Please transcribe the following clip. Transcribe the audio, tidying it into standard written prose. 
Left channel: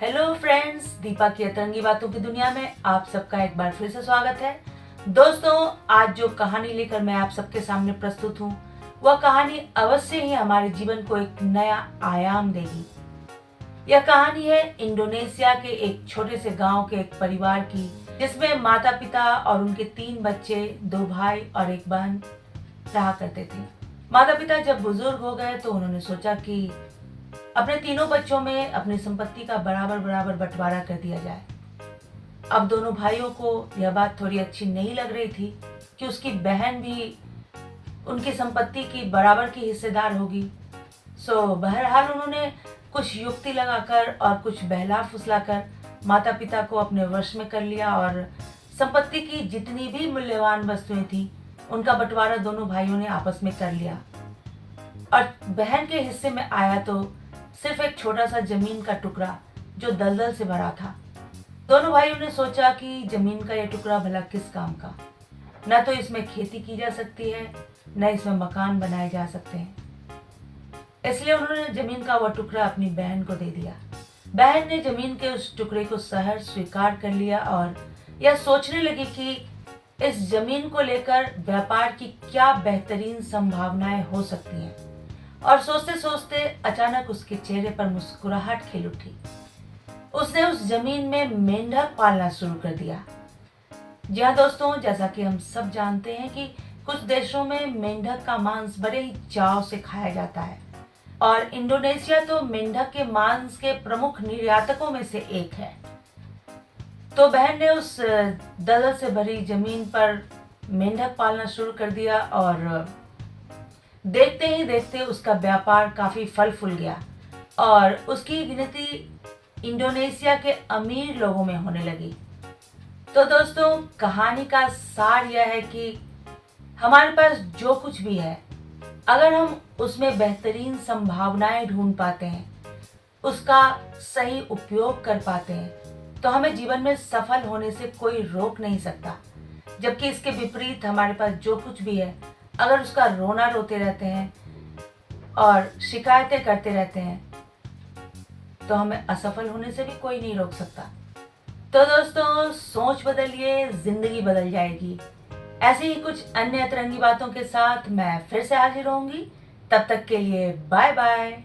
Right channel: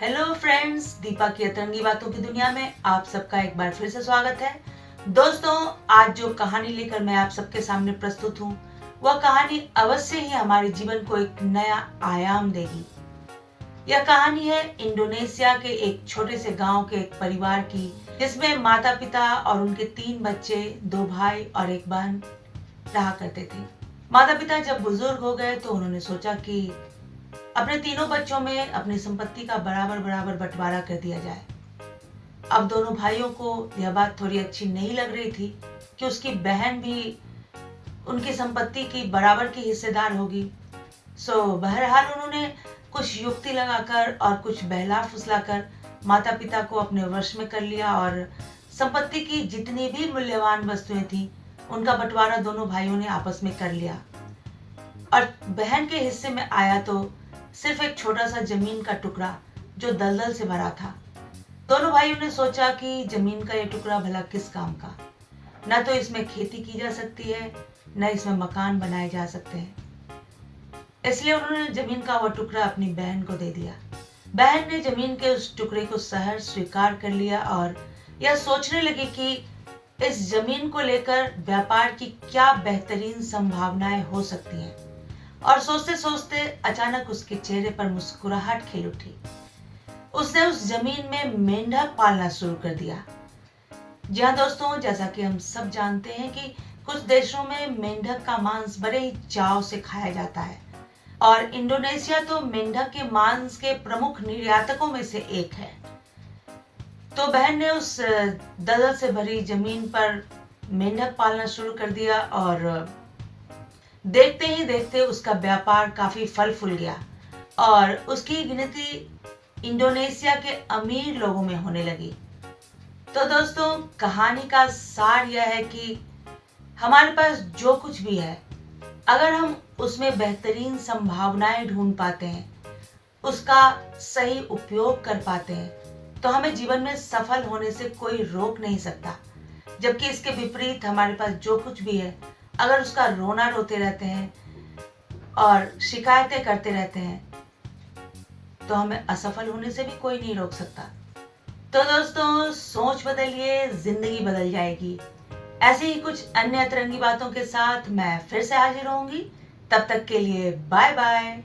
Hello friends, Deepa की अतरंगी बातों की दुनिया में आप सबका एक बार फिर से स्वागत है। दोस्तों, आज जो कहानी लेकर मैं आप सबके सामने प्रस्तुत हूँ, वह कहानी अवश्य ही हमारे जीवन को एक नया आयाम देगी। यह कहानी है इंडोनेशिया के एक छोटे से गांव के एक परिवार की, जिसमें माता पिता और उनके 3 बच्चे, 2 भाई और एक बहन रहा करते थे। माता पिता जब बुजुर्ग हो गए तो उन्होंने सोचा कि अपने तीनों बच्चों में अपनी संपत्ति का बराबर बराबर बंटवारा कर दिया जाए। अब दोनों भाइयों को यह बात थोड़ी अच्छी नहीं लग रही थी कि उसकी बहन भी उनकी संपत्ति की बराबर की हिस्सेदार होगी। बहरहाल उन्होंने कुछ युक्ति लगाकर और कुछ बहला फुसलाकर माता पिता को अपने वश में कर लिया और संपत्ति की जितनी भी मूल्यवान वस्तुएं थी, उनका बंटवारा दोनों भाइयों ने आपस में कर लिया। और बहन के हिस्से में आया तो सिर्फ एक छोटा सा जमीन का टुकड़ा जो दलदल से भरा था। दोनों भाइयों ने सोचा कि जमीन का यह टुकड़ा भला किस काम का, न तो इसमें खेती की जा सकती है, न इसमें मकान बनाए जा सकते हैं। इसलिए उन्होंने जमीन का वह टुकड़ा अपनी बहन को दे दिया। बहन ने जमीन के उस टुकड़े को सहर्ष स्वीकार कर लिया और यह सोचने लगी कि इस जमीन को लेकर व्यापार की क्या बेहतरीन संभावनाएं हो सकती हैं। और सोचते सोचते अचानक उसके चेहरे पर मुस्कुराहट खिल उठी। उसने उस जमीन में मेंढक पालना शुरू कर दिया। जी हाँ दोस्तों, जैसा कि हम सब जानते हैं कि कुछ देशों में मेंढक का मांस बड़े ही चाव से खाया जाता है और इंडोनेशिया तो मेंढक के मांस के प्रमुख निर्यातकों में से एक है। तो बहन ने उस दलदल से भरी जमीन पर मेंढक पालना शुरू कर दिया और देखते ही देखते उसका व्यापार काफी फल फूल गया और उसकी गिनती इंडोनेशिया के अमीर लोगों में होने लगी। तो दोस्तों, कहानी का सार यह है कि हमारे पास जो कुछ भी है, अगर हम उसमें बेहतरीन संभावनाएं ढूंढ पाते हैं, उसका सही उपयोग कर पाते हैं, तो हमें जीवन में सफल होने से कोई रोक नहीं सकता। जबकि इसके विपरीत हमारे पास जो कुछ भी है, अगर उसका रोना रोते रहते हैं और शिकायतें करते रहते हैं, तो हमें असफल होने से भी कोई नहीं रोक सकता। तो दोस्तों, सोच बदलिए, जिंदगी बदल जाएगी। ऐसी ही कुछ अन्य अतरंगी बातों के साथ मैं फिर से हाजिर होंगी। तब तक के लिए बाय बाय।